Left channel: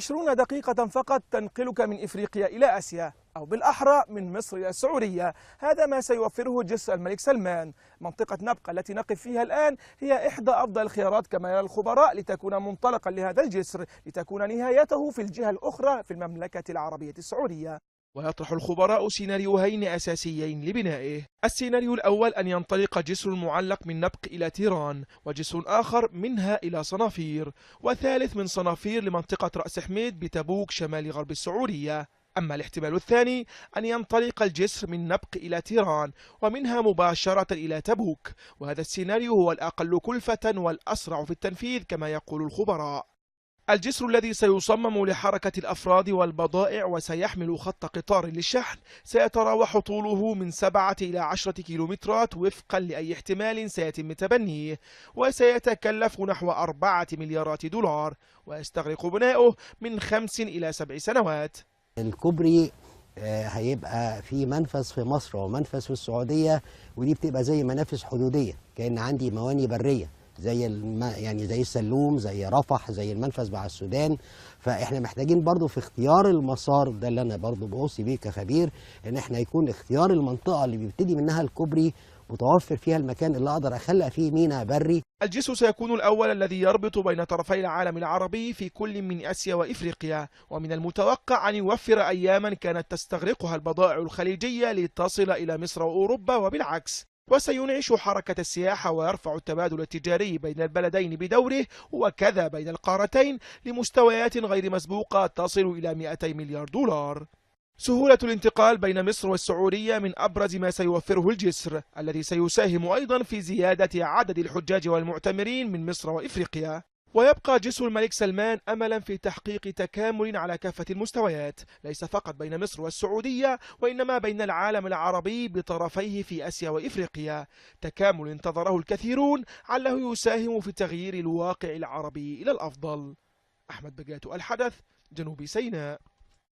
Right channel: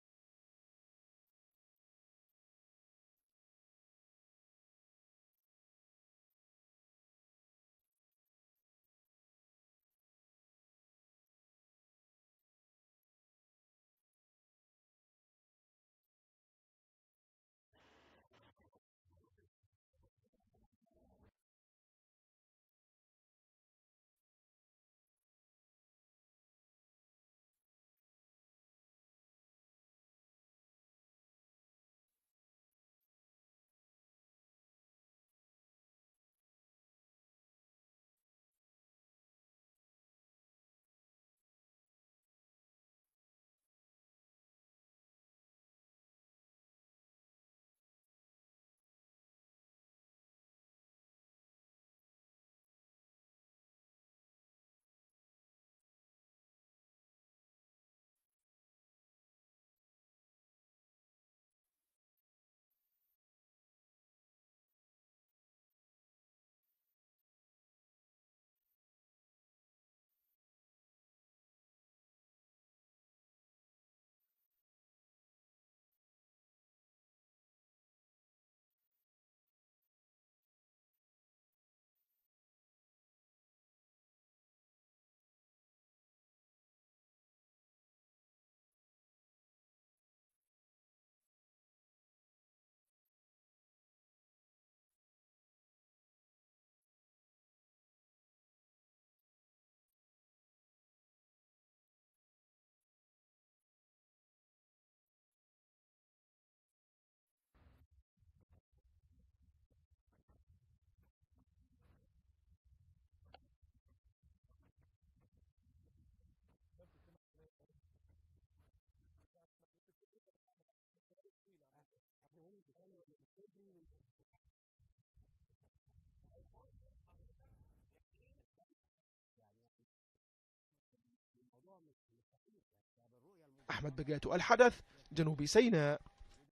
20 دقيقة فقط تنقلك من إفريقيا إلى آسيا، أو بالأحرى من مصر إلى السعودية. هذا ما سيوفره جسر الملك سلمان. منطقة نبقى التي نقف فيها الآن هي إحدى أفضل الخيارات كما يرى الخبراء لتكون منطلقا لهذا الجسر، لتكون نهايته في الجهة الأخرى في المملكة العربية السعودية. ويطرح الخبراء سيناريوهين أساسيين لبنائه. السيناريو الأول أن ينطلق جسر معلق من نبق إلى تيران، وجسر آخر منها إلى صنافير، وثالث من صنافير لمنطقة رأس حميد بتبوك شمال غرب السعودية. أما الاحتمال الثاني أن ينطلق الجسر من نبق إلى تيران ومنها مباشرة إلى تبوك، وهذا السيناريو هو الأقل كلفة والأسرع في التنفيذ كما يقول الخبراء. الجسر الذي سيصمم لحركة الأفراد والبضائع وسيحمل خط قطار للشحن سيتراوح طوله من 7 إلى 10 كيلومترات وفقا لأي احتمال سيتم تبنيه، وسيتكلف نحو 4 مليارات دولار، ويستغرق بناؤه من 5 إلى 7 سنوات. الكوبري هيبقى في منفذ في مصر ومنفذ في السعودية، ودي بتبقى زي منافذ حدودية، كأن عندي مواني برية زي يعني زي السلوم، زي رفح، زي المنفذ مع السودان. فاحنا محتاجين برضو في اختيار المسار ده اللي انا برضو بوصي بيه كخبير، ان احنا يكون اختيار المنطقة اللي بيبتدي منها الكوبري متوفر فيها المكان اللي اقدر اخلق فيه ميناء بري. الجسر سيكون الأول الذي يربط بين طرفي العالم العربي في كل من آسيا وإفريقيا، ومن المتوقع أن يوفر أياما كانت تستغرقها البضائع الخليجية لتصل إلى مصر وأوروبا وبالعكس، وسينعش حركة السياحة ويرفع التبادل التجاري بين البلدين بدوره وكذا بين القارتين لمستويات غير مسبوقة تصل إلى 200 مليار دولار. سهولة الانتقال بين مصر والسعودية من أبرز ما سيوفره الجسر، الذي سيساهم أيضا في زيادة عدد الحجاج والمعتمرين من مصر وإفريقيا. ويبقى جسر الملك سلمان أملا في تحقيق تكامل على كافة المستويات، ليس فقط بين مصر والسعودية وإنما بين العالم العربي بطرفيه في آسيا وإفريقيا، تكامل انتظره الكثيرون عله يساهم في تغيير الواقع العربي إلى الأفضل. أحمد بقاتو، الحدث، جنوب سيناء.